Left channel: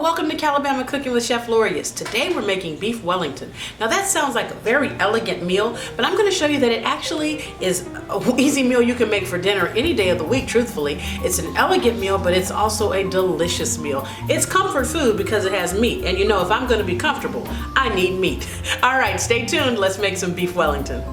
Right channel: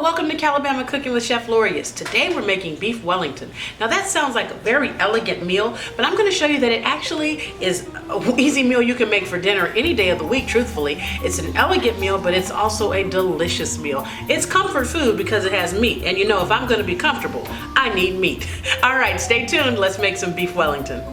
welcome to Calabama Cooking with Chef Lorious. Today we're making beef Wellington. Now that sounds like a very elegant meal, but I'm going to show you that it actually is an easy meal you can make for dinner any day of the week, truthfully. It's an elegant meal, but it's also a delicious meal. It's comfort food because it has meat, and you know if I'm going to be comfortable, I need meat. All right, stay tuned. Let's make some beef Wellington.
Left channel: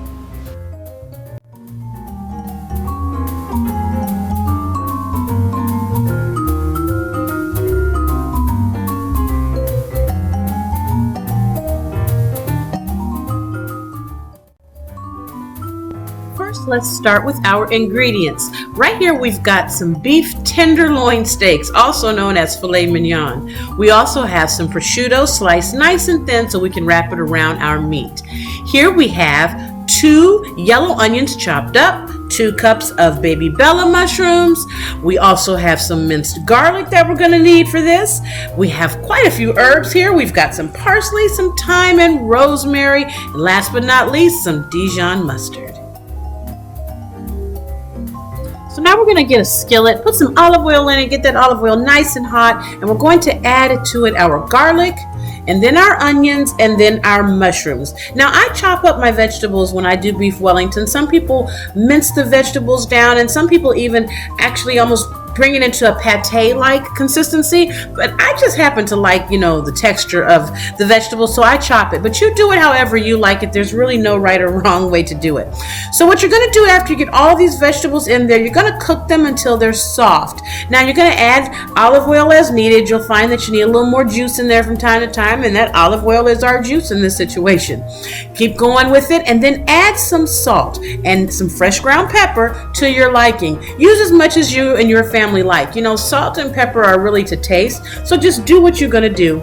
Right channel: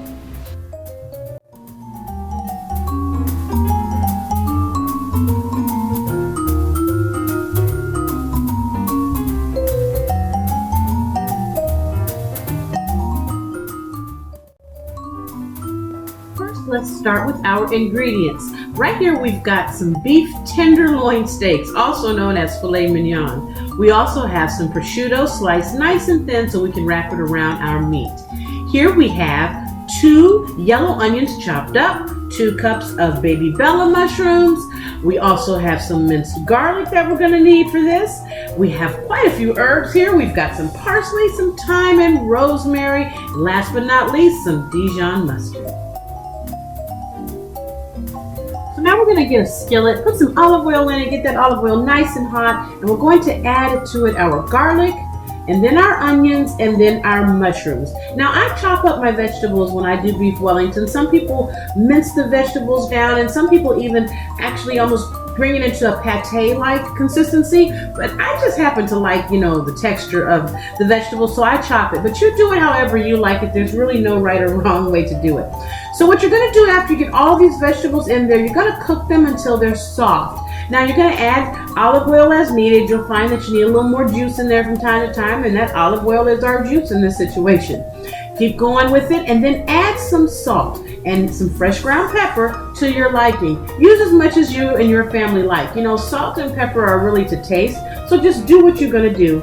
First, let's start with our ingredients. Right here we've got some beef tenderloin steaks, also known as filet mignon. We also have some prosciutto sliced nice and thin so we can wrap it around our meat. Here we have 2 yellow onions chopped up, 2 cups of baby bella mushrooms. We also have some minced garlic that we're going to need for this. We have quite a few herbs here. We've got some parsley, some thyme, and rosemary. And last but not least, some Dijon mustard. So now we're going to get a skillet, put some olive oil in it, get that olive oil nice and hot, and we're going to add to it our garlic, and then our onions, and then our mushrooms. Now I chop up my vegetables when I do beef Wellington. Some people mince the vegetables down, and some people even actually almost bring it into a pate-like consistency, but I just happen to like, the texture of the vegetables, so I chop it. But you do it however you like it. There's really no right or wrong way to do it. So what you're going to do after you get all these vegetables in there, you're going to cook them until they're soft. Now you're going to add olive oil as needed. You'll find that you need a little more juice in there from time to time, and that olive oil is our juice in this situation. Keep going with it, and then add some salt and some fresh ground pepper to your liking. Use as much as you and your family like. Salt and pepper are really to taste, so just do what you're going to do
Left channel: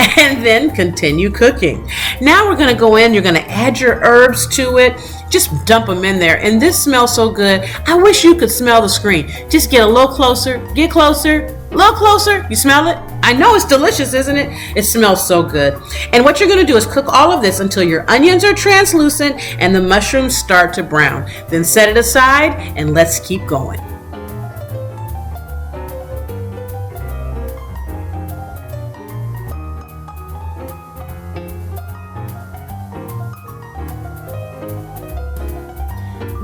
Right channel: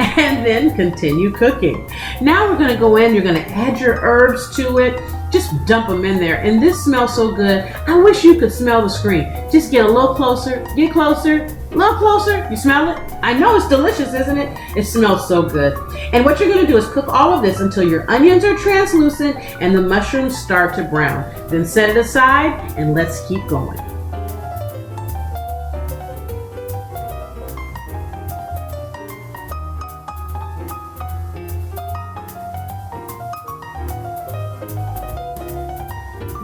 and then continue cooking. Now we're going to go in, you're going to add your herbs to it. Just dump them in there, and this smells so good. I wish you could smell the screen. Just get a little closer, get closer, a little closer. You smell it? I know it's delicious, isn't it? It smells so good. And what you're going to do is cook all of this until your onions are translucent and the mushrooms start to brown. Then set it aside and let's keep going.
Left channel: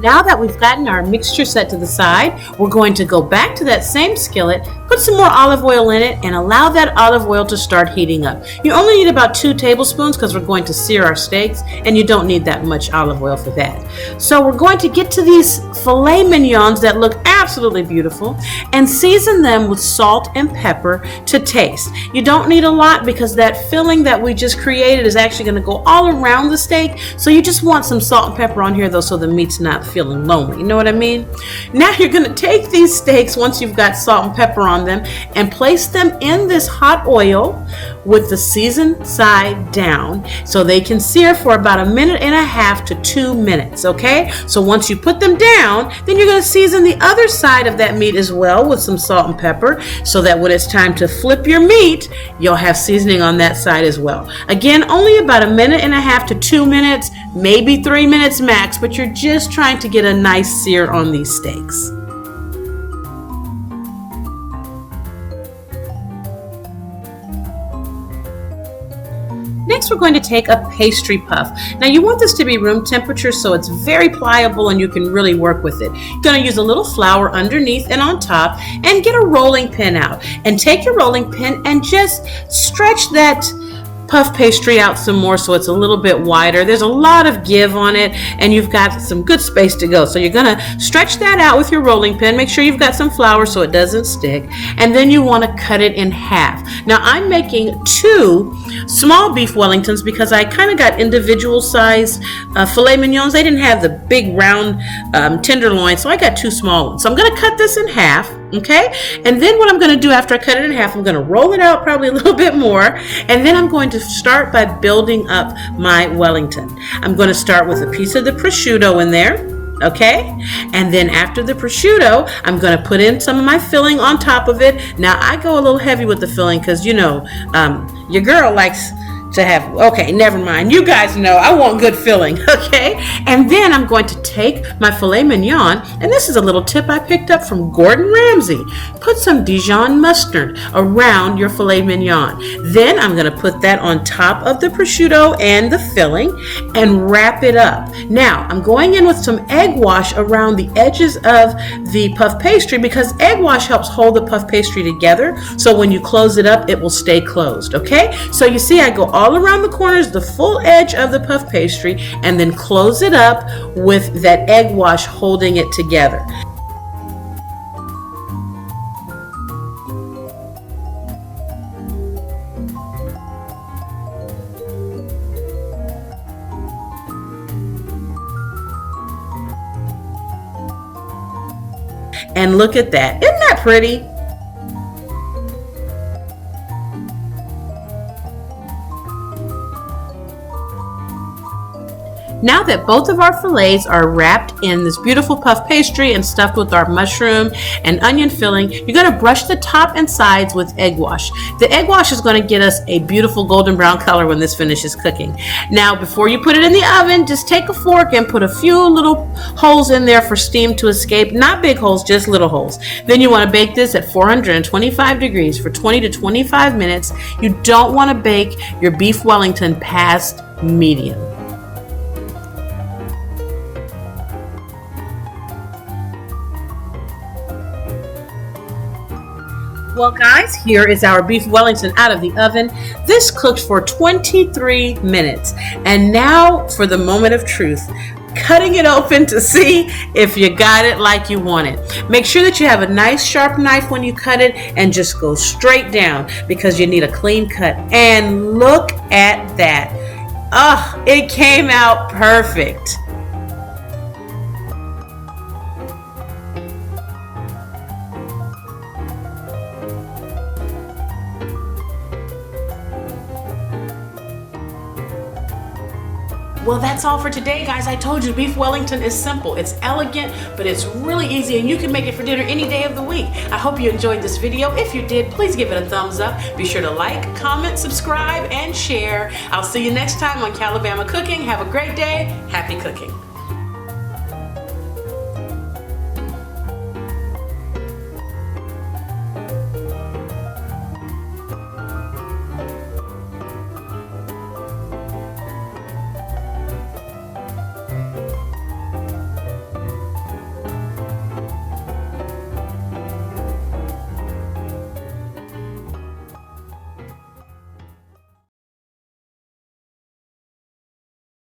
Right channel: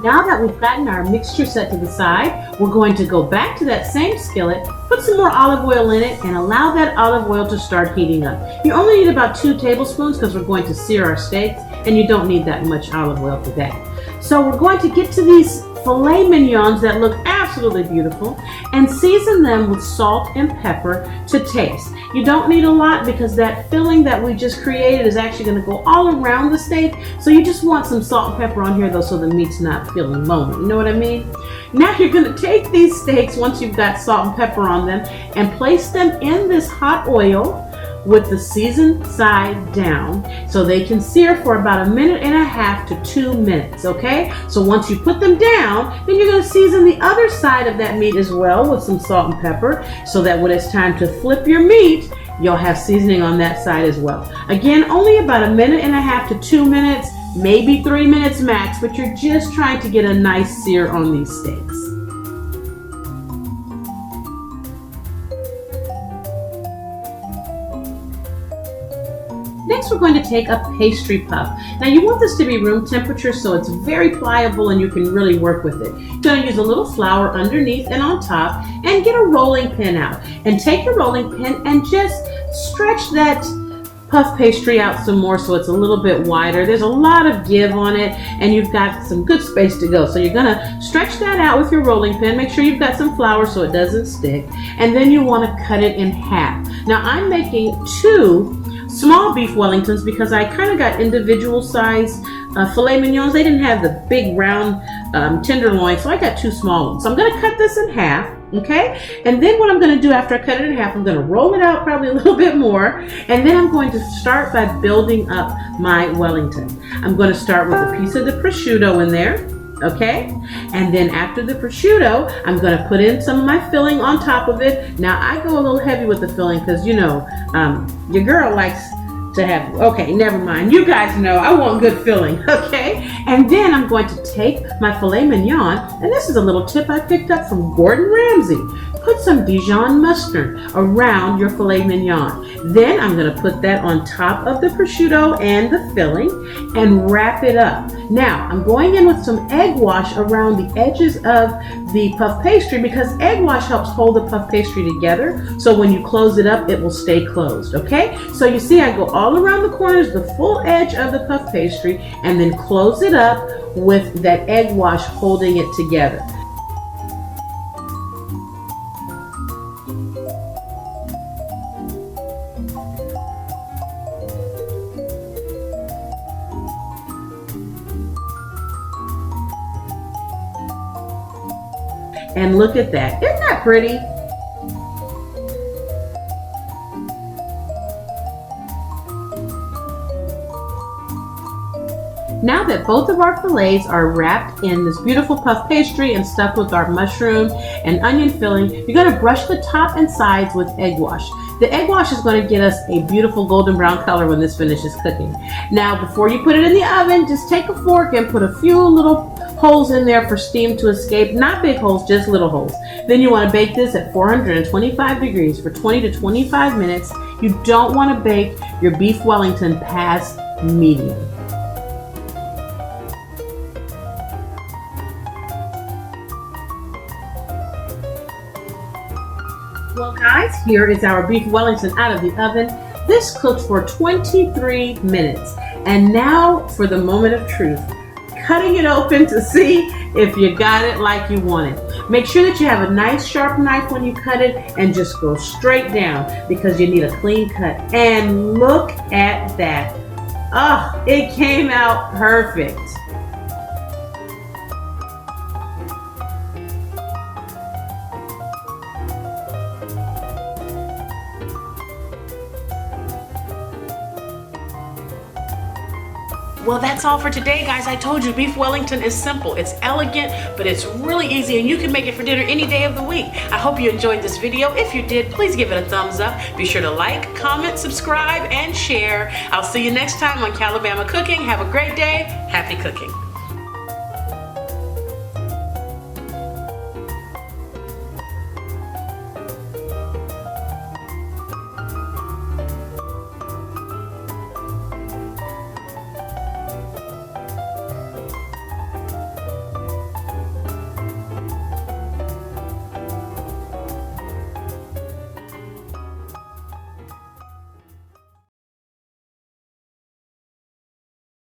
Now that we've gotten our mixture set to the side, we're going to go back to that same skillet, put some more olive oil in it, and allow that olive oil to start heating up. You only need about 2 tablespoons because we're going to sear our steaks, and you don't need that much olive oil for that. So we're going to get to these filet mignons that look absolutely beautiful and season them with salt and pepper to taste. You don't need a lot because that filling that we just created is actually going to go all around the steak, so you just want some salt and pepper on here though so the meat's not feeling lonely. You know what I mean? Now you're going to take these steaks once you've got salt and pepper on them and place them in this hot oil with the seasoned side down so they can sear for about 1.5 to 2 minutes, okay? So once you put them down, then you're going to season the other side of that meat as well with some salt and pepper so that when it's time to flip your meat, you'll have seasoning on that side as well. Again, only about 1.5 to 2 minutes, maybe 3 minutes max, but you're just trying to get a nice sear on these steaks. Next, we're going to take a pastry puff. Now you want this to be room temperature so it's very pliable and you can really work with it. You're going to use a little flour underneath and on top and get a rolling pin out. And take your rolling pin and just stretch that puff pastry out some more so it's a little bit wider. There's a lot of give on it and you've got some good space to go. So you're going to stretch that out with your rolling pin. Make sure you've got some flour so it doesn't stick. And then you want to cut it in half. Now I'm making 2 small beef Wellingtons because I kind of got individual size filet mignons. They didn't have the big round tenderloin, so I got 2 small ones. So I'm going to cut this in half, okay? And then what I'm going to do after I cut it in half, I'm going to roll it out probably a little bit more, and then I'm going to start by building up my Wellington. I'm going to start with a piece of the prosciutto in there. Okay, and then after the prosciutto, I'm going to put in some of my filling on top of it. Now I go a little heavy with the filling because your girl likes to have, okay, never mind. You guys know I want good filling, okay? And then I'm going to take my filet mignon, and this is a little tip I picked up from Gordon Ramsay. Put some Dijon mustard around your filet mignon. Then I'm gonna put that on top of the prosciutto and the filling and wrap it up. Now, I'm going in with some egg wash around the edges of the puff pastry because egg wash helps hold the puff pastry together, so when you close it up, it will stay closed, okay? So you see I go all around the corners, the full edge of the puff pastry, and then close it up with that egg wash holding it together. And look at that. Isn't that pretty? Now that both of our fillets are wrapped in this beautiful puff pastry and stuffed with our mushroom and onion filling, you're going to brush the top and sides with egg wash. The egg wash is going to get us a beautiful golden brown color when this finishes cooking. Now, before you put it in the oven, just take a fork and put a few little holes in there for steam to escape. Not big holes, just little holes. Then you want to bake this at 425 degrees for 20 to 25 minutes. You don't want to bake your beef Wellington past medium. Well guys, here is our beef Wellington out of the oven. This cooked for 23 minutes. And now for the moment of truth. Cutting it open to see if you got it like you want it. Make sure that you have a nice sharp knife when you cut it and just go straight down because you need a clean cut. And look at that. Oh, it came out perfect. Well, that's all for today, guys. I told you beef Wellington is simple. It's elegant, but it's really easy, and you can make it for dinner any day of the week. I hope you enjoyed this video. If you did, please give it a thumbs up. Be sure to like, comment, subscribe, and share. I'll see you next time on Calabama Cooking. Have a great day. Happy cooking.